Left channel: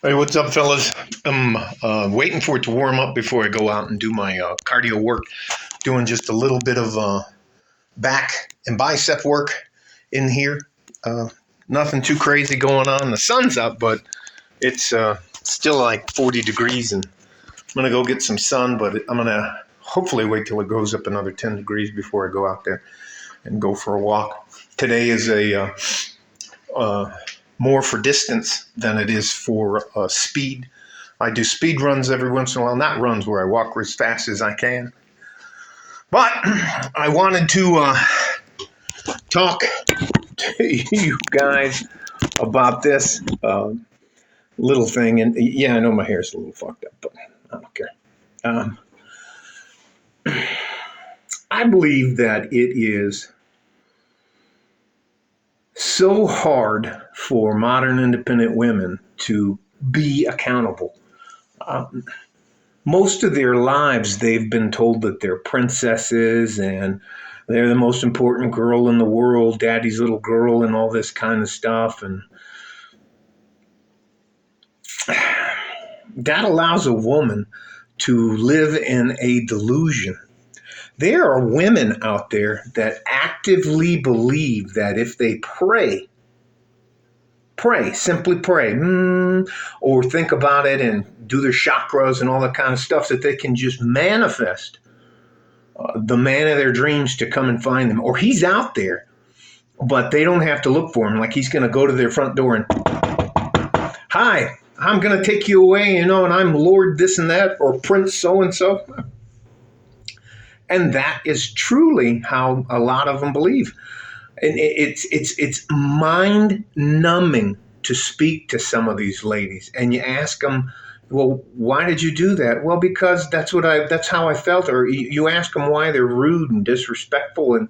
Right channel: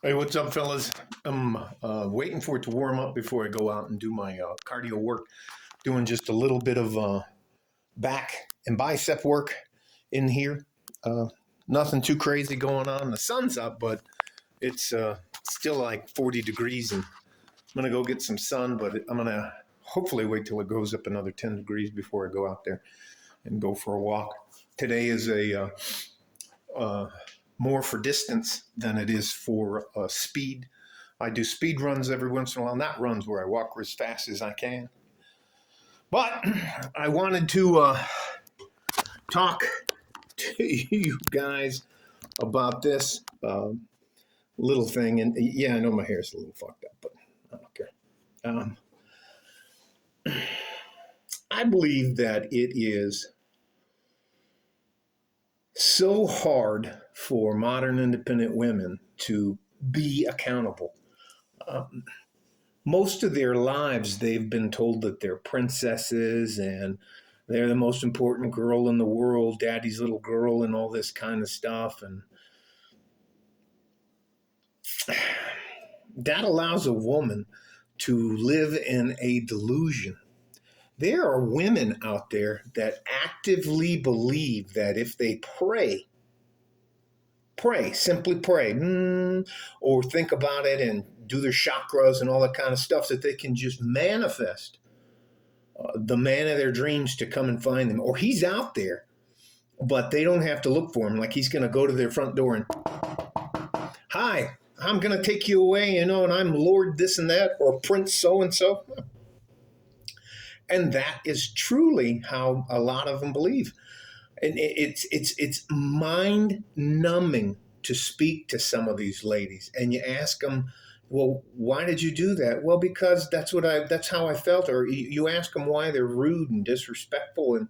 Hey, what's up, fellas? I'm waiting for it to warm up before I go out and do my cardio work. Doing just a little bit of back and bicep work in here. Uh, Nothing too crazy going on. The sun's up, but it's still like 40 degrees, and I'm gonna go get some sun. But I'm gonna hopefully wait till it goes up another 10 degrees before I go out there and go for a walk. Today is a uh, more for distance than it is for speed. I do speed runs every once in a while, not runs where I walk as fast as I can. But I wanted to talk to you guys about this little thing. And yeah, I know my hair's a little fucked up, but I don't care. Um, I believe that it is so hard for modern independent women to be accountable. Um, Most of their lives, they've been told that they're princesses and they're the most important girl in the world, daddy's little girl, and all this kind of stuff. And that allows a woman to live in a delusion. There are women out there that actively believe that if they simply pray, or think about it and do their chakras and all that kind of stuff, that they can just manifest the man of their dreams to come and find them. Or he's out there, but they don't have to look for him. Like he's going to go to their front door and, hi, I'm going to take you away, and I'm Lord this and that, or Prince so and so. And that is truly how a lot of them believe. And it's mind numbing to speak to some of these ladies, and you ask them, well, why did you do that? Well, because that's how I felt. Or you ask them why they're rude and disrespectful, and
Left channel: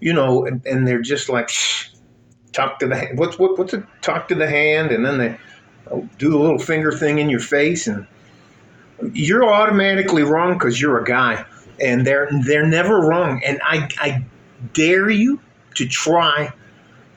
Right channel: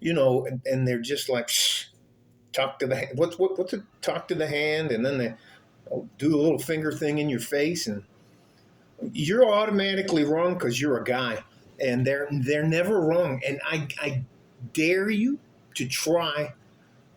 and they're just like, shh, talk to the what's it? Talk to the hand, and then they do the little finger thing in your face, and you're automatically wrong because you're a guy, and they're never wrong. And I dare you to try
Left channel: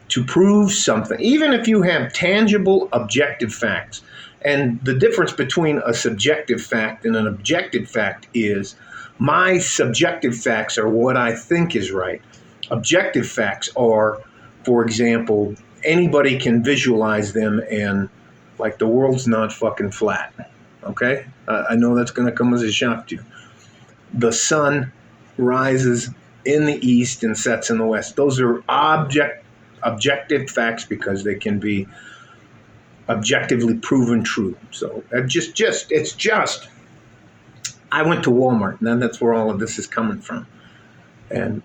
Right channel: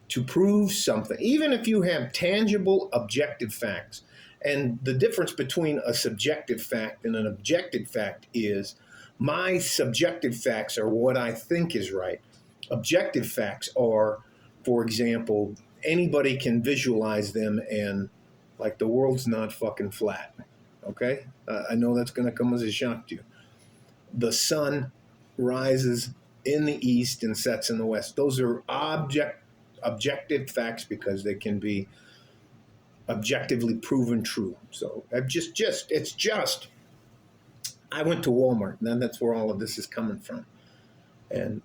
to prove something, even if you have tangible objective facts. And the difference between a subjective fact and an objective fact is my subjective facts are what I think is right. Objective facts are, for example, anybody can visualize them, and like the world's not fucking flat. Okay? I know that's going to come as a shock to you. The sun rises in the east and sets in the west. Those are objective facts because they can be objectively proven true. So it's just I went to Walmart, and then that's where all of this is coming from. And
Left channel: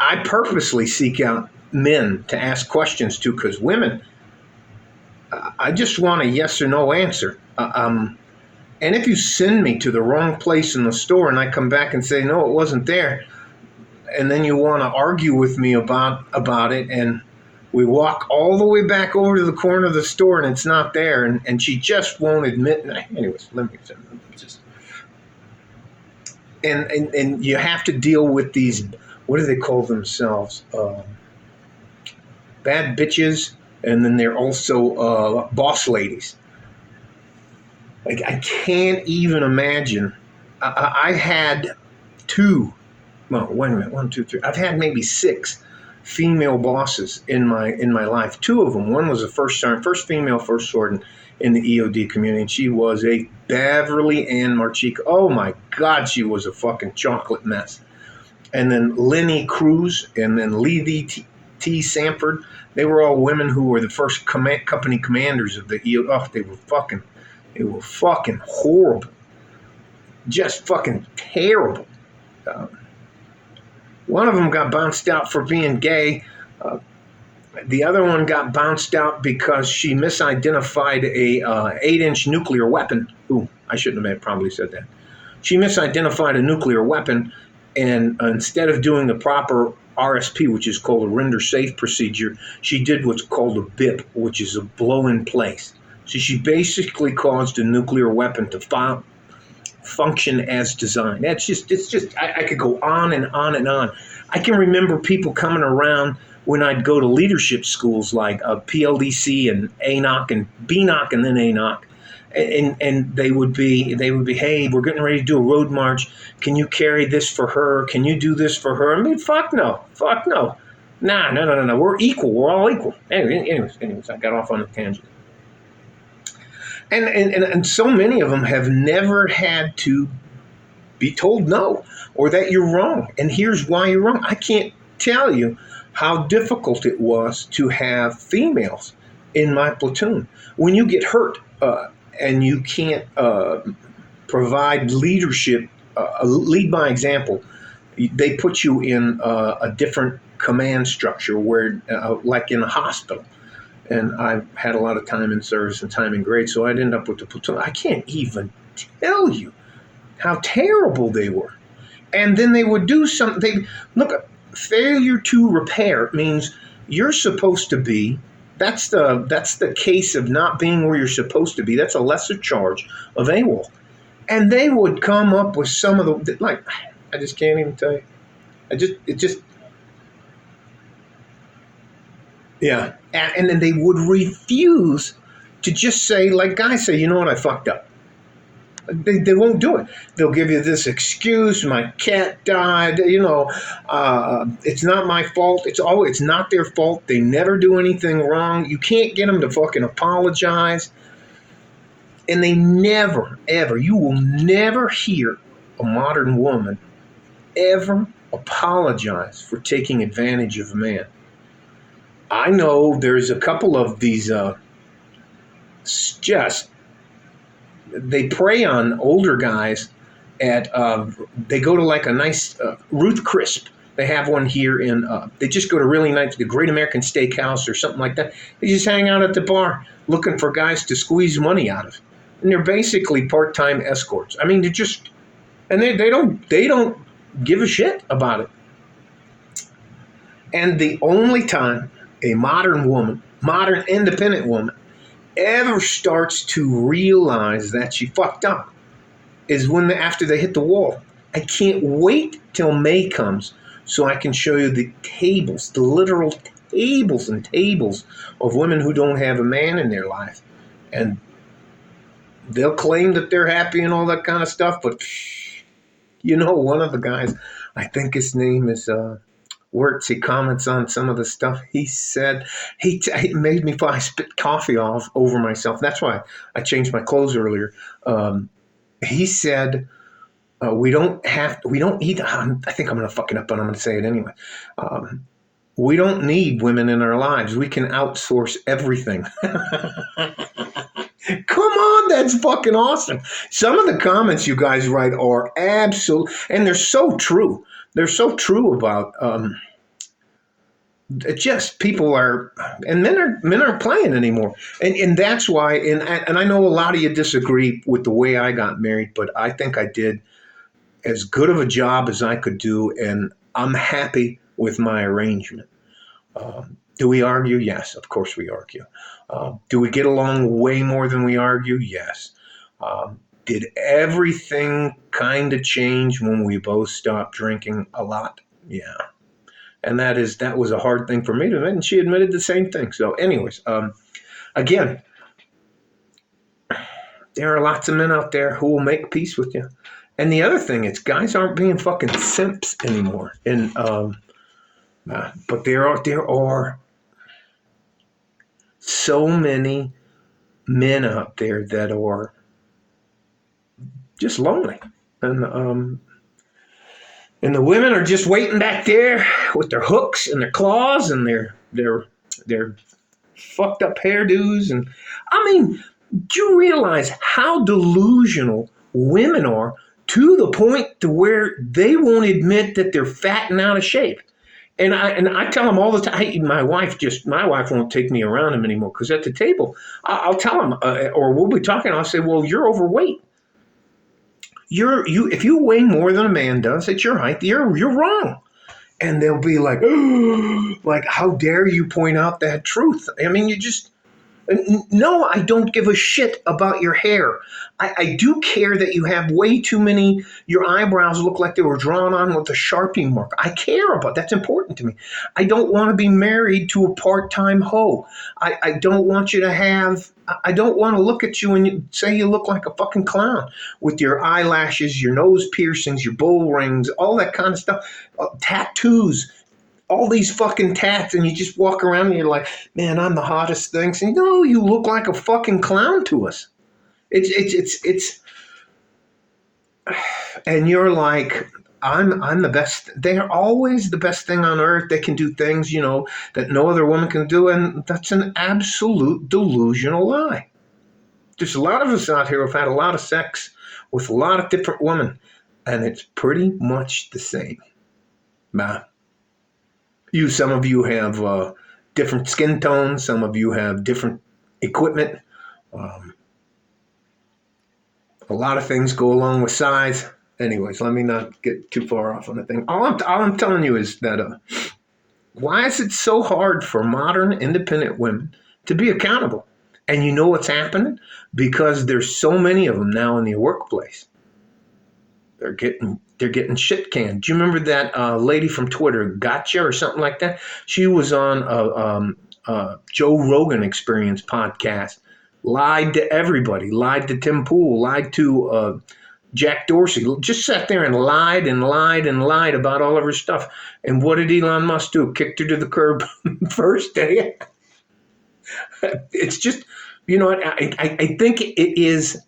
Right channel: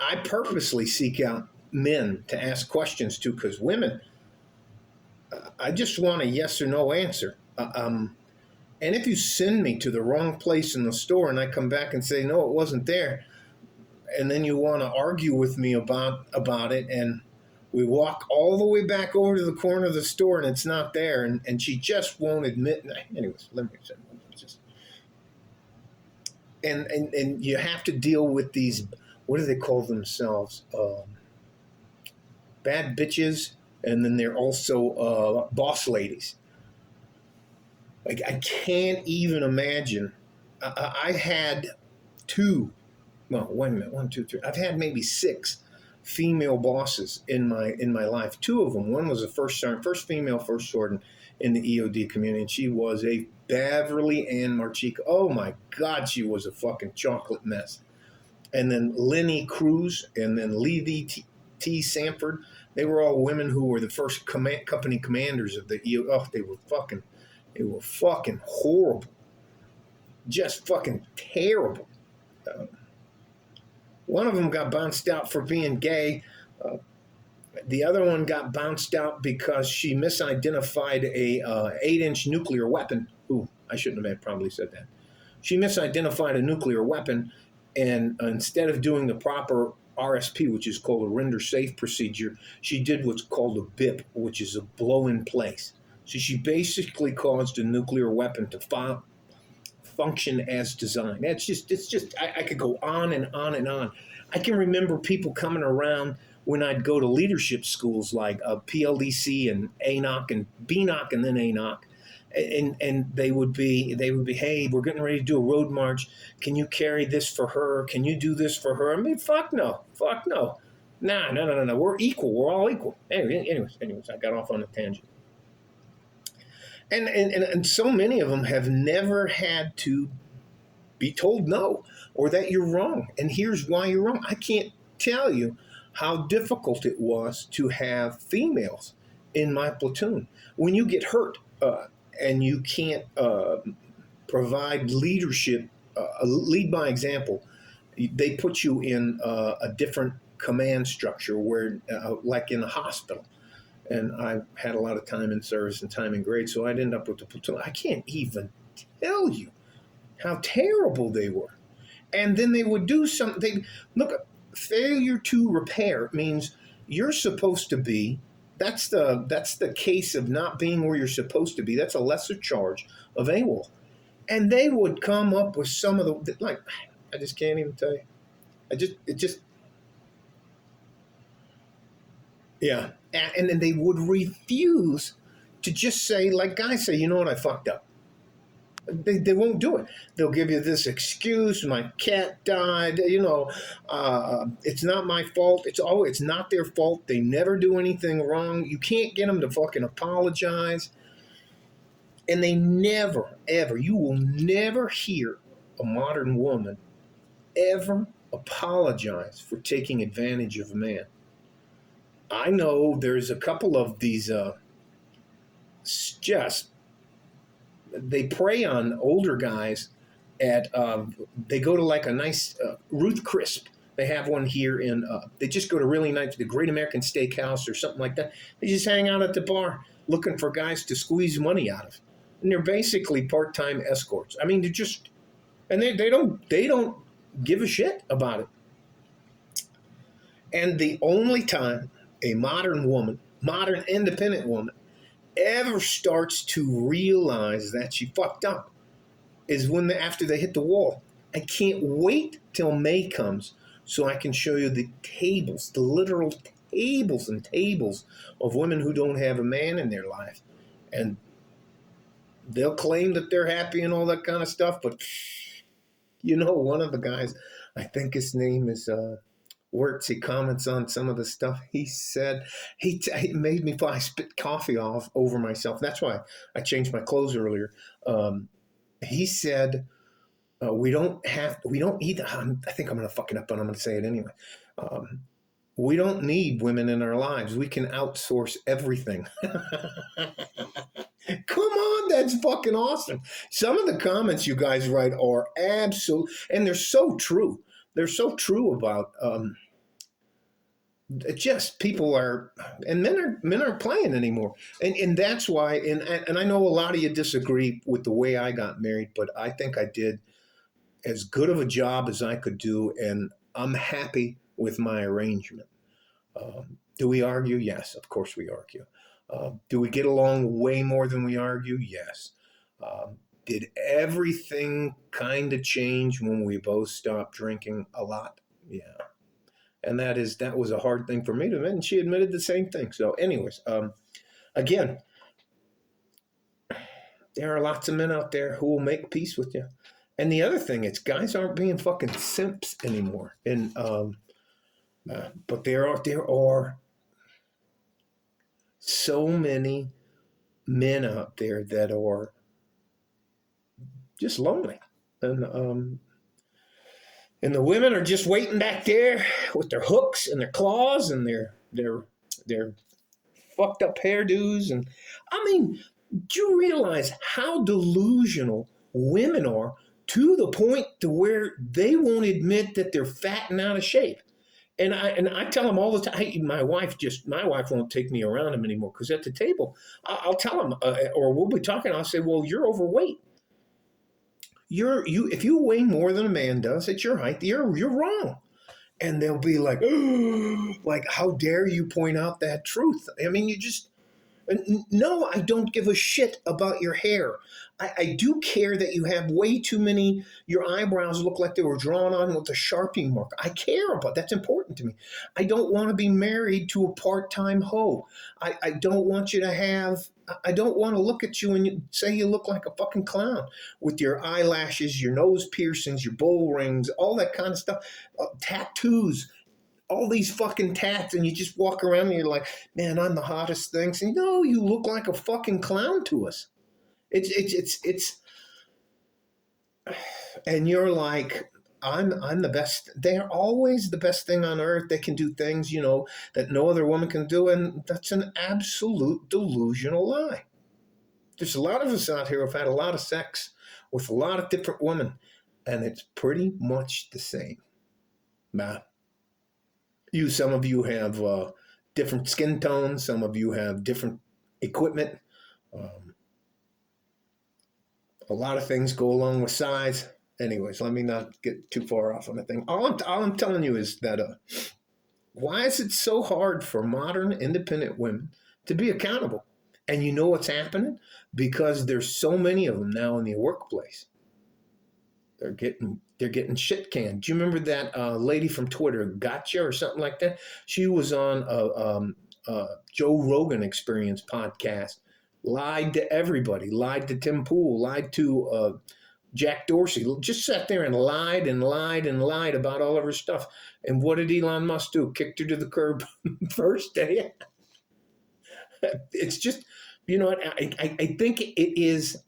I purposely seek out men to ask questions to, because women, I just want a yes or no answer. And if you send me to the wrong place in the store and I come back and say, no, it wasn't there, and then you want to argue with me about it, and we walk all the way back over to the corner of the store and it's not there, and she just won't admit. Anyways, let me just. And you have to deal with these, what do they call themselves? Bad bitches, and then they're also boss ladies. Like, I can't even imagine. I had two, well, wait a minute, 1, 2, 3. I've had maybe 6 female bosses in my life. 2 of them. One was a first female first sergeant in the EOD community, and she was a Beverly Ann Marchica. Oh my God, she was a fucking chocolate mess. And then Lenny Cruz, and then Lee T. Sanford. They were all women who were the first company commanders of the EOD. Oh, they were fucking horrible. Just fucking terrible. One of them got bounced out for being gay. The other one got bounced out because she misidentified a 8-inch nuclear weapon. Ooh, I shouldn't have probably said that. She misidentified a nuclear weapon, and instead of doing the proper RSP, which is called a render safe procedure, she did what's called a BIP, which is a blow in place. So she basically caused a nuclear weapon to function as designed. It's just I could go on and on and on. I can remember people coming around when I'd go to leadership schools like PLDC and ANOC and BNOC and then ANOC, and they would be, hey, we're getting ready to do a road march. Can you carry this for her? Can you do this for her? I mean, fuck no. Nah, no. We're equal. We're all equal. Anyways, I got off on a tangent. And so many of them have never had to be told no or that you're wrong. And here's why you're wrong. I can't tell you how difficult it was to have females in my platoon. When you get hurt and you can't provide leadership, lead by example, they put you in a different command structure where, like in a hospital. And I've had a lot of time in service and time in grade, so I'd end up with the platoon. I can't even tell you how terrible they were. And then they would do something. Look, failure to repair means you're supposed to be. That's the case of not being where you're supposed to be. That's a lesser charge of AWOL. And they would come up with some of the, like, I just can't even tell you. Yeah. And then they would refuse to just say, like guys say, you know what, I fucked up. They won't do it. They'll give you this excuse, my cat died, it's not my fault. It's not their fault. They never do anything wrong. You can't get them to fucking apologize. And they never, ever, you will never hear a modern woman ever apologize for taking advantage of a man. I know there's a couple of these they prey on older guys they go to like a nice Ruth Crisp. They have one here they just go to really nice, the Great American Steakhouse or something like that. They just hang out at the bar looking for guys to squeeze money out of. And they're basically part-time escorts. I mean, they don't give a shit about it. And the only time a modern independent woman, ever starts to realize that she fucked up is after they hit the wall. I can't wait till May comes so I can show you the tables, the literal tables and tables of women who don't have a man in their life. And they'll claim that they're happy and all that kind of stuff, but one of the guys, I think his name is Wirtz, he comments on some of the stuff he said. He made me I spit coffee off over myself. That's why I changed my clothes earlier. He said, we don't need, I think I'm going to fuck it up, but I'm going to say it anyway. We don't need women in our lives. We can outsource everything. Come on, that's fucking awesome. Some of the comments you guys write are absolute, and they're so true. They're so true about just people are, and men aren't playing anymore, and that's why. And I know a lot of you disagree with the way I got married, but I think I did as good of a job as I could do, and I'm happy with my arrangement. Do we argue? Yes, of course we argue. Do we get along way more than we argue? Yes. Did everything kind of change when we both stopped drinking a lot? Yeah. And that was a hard thing for me to admit, and she admitted the same thing. So anyways, again, there are lots of men out there who will make peace with you. And the other thing is guys aren't being fucking simps anymore. And but there are so many men out there that are just lonely, and the women are just waiting back there with their hooks and their claws and their fucked up hairdos. And I mean, do you realize how delusional women are to the point to where they won't admit that they're fat and out of shape? And I tell them all the time. My wife won't take me around them anymore, because at the table I'll tell them, or we'll be talking. I'll say, well, you're overweight. If you weigh more than a man does at your height, you're wrong. And they'll be like, oh, like, how dare you point out that truth? I mean, No, I don't give a shit about your hair. I do care that you have way too many, your eyebrows look like they were drawn on with a Sharpie mark. I care about that's important to me. I don't want to be married to a part-time hoe. I don't want you to have, I don't want to look at you and say you look like a fucking clown with your eyelashes, your nose piercings, your bull rings, all that kind of stuff, tattoos, all these fucking tats, and you just walk around and you're like, man, I'm the hottest thing. So, no, you look like a fucking clown to us. It's and you're like, I'm the best. They're always the best thing on earth. They can do things, that no other woman can do. And that's an absolute delusional lie. There's a lot of us out here who've had a lot of sex with a lot of different women, and it's pretty much the same. Nah. Some of you have different skin tones. Some of you have different equipment. A lot of things go along with size. Anyways, let me not get too far off on the thing. All I'm telling you is that why is it so hard for modern independent women to be accountable? And you know what's happening? Because there's so many of them now in the workplace. They're getting shit canned. Do you remember that lady from Twitter, Gotcha or something like that? She was on a Joe Rogan Experience podcast, lied to everybody, lied to Tim Pool, lied to Jack Dorsey, just sat there and lied and lied and lied about all of her stuff. And what did Elon Musk do? Kicked her to the curb first day. It's just, I think it is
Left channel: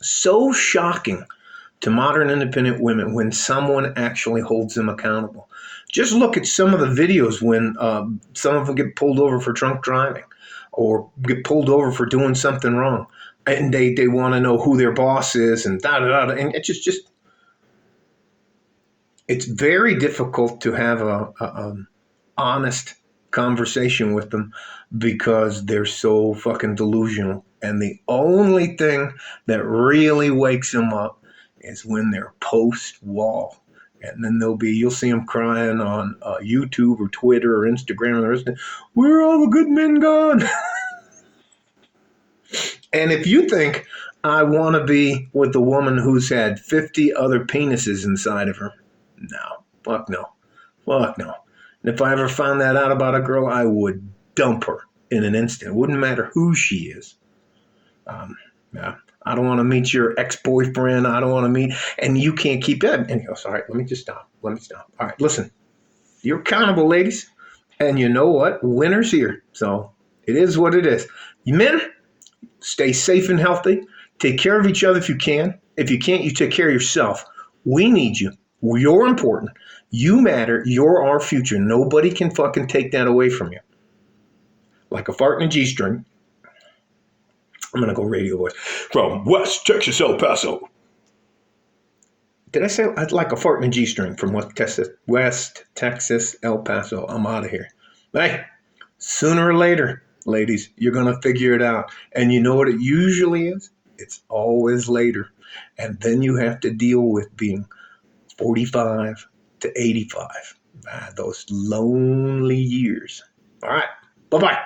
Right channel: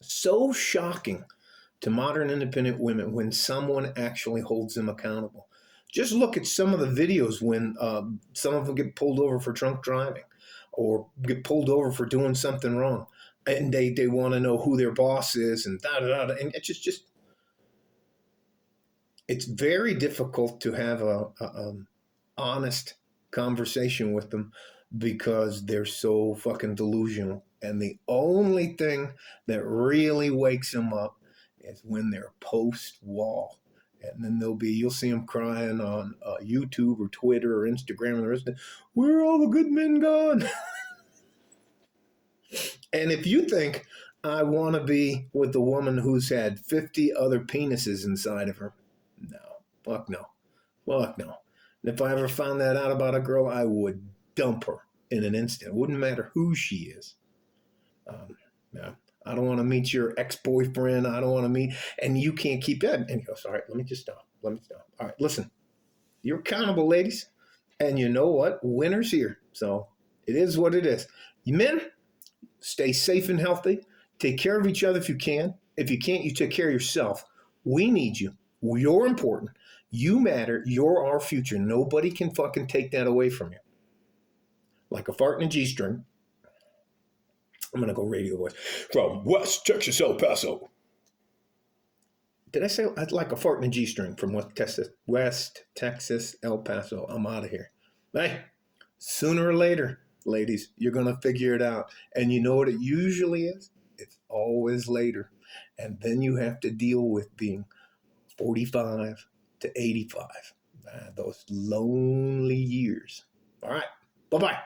so shocking to modern independent women when someone actually holds them accountable. Just look at some of the videos when some of them get pulled over for drunk driving or get pulled over for doing something wrong. And they want to know who their boss is and da-da-da. And it's just it's very difficult to have a honest conversation with them because they're so fucking delusional. And the only thing that really wakes them up is when they're post-wall. And then you'll see them crying on YouTube or Twitter or Instagram. And where are all the good men gone? And if you think I want to be with the woman who's had 50 other penises inside of her, no, fuck no. Fuck no. And if I ever found that out about a girl, I would dump her in an instant. It wouldn't matter who she is. Yeah. I don't want to meet your ex-boyfriend. I don't want to meet, and you can't keep it. And he goes, all right, let me stop. All right, listen, you're accountable, ladies. And you know what? Winter's here. So it is what it is. You men, stay safe and healthy. Take care of each other if you can. If you can't, you take care of yourself. We need you. You're important. You matter. You're our future. Nobody can fucking take that away from you. Like a fart in a G-string. I'm going to go radio voice. From West Texas, El Paso. Did I say like a fart in a G-string from West Texas, El Paso? I'm out of here. Hey, sooner or later, ladies, you're going to figure it out. And you know what it usually is? It's always later. And then you have to deal with being 45 to 85. Those lonely years. All right. Bye-bye.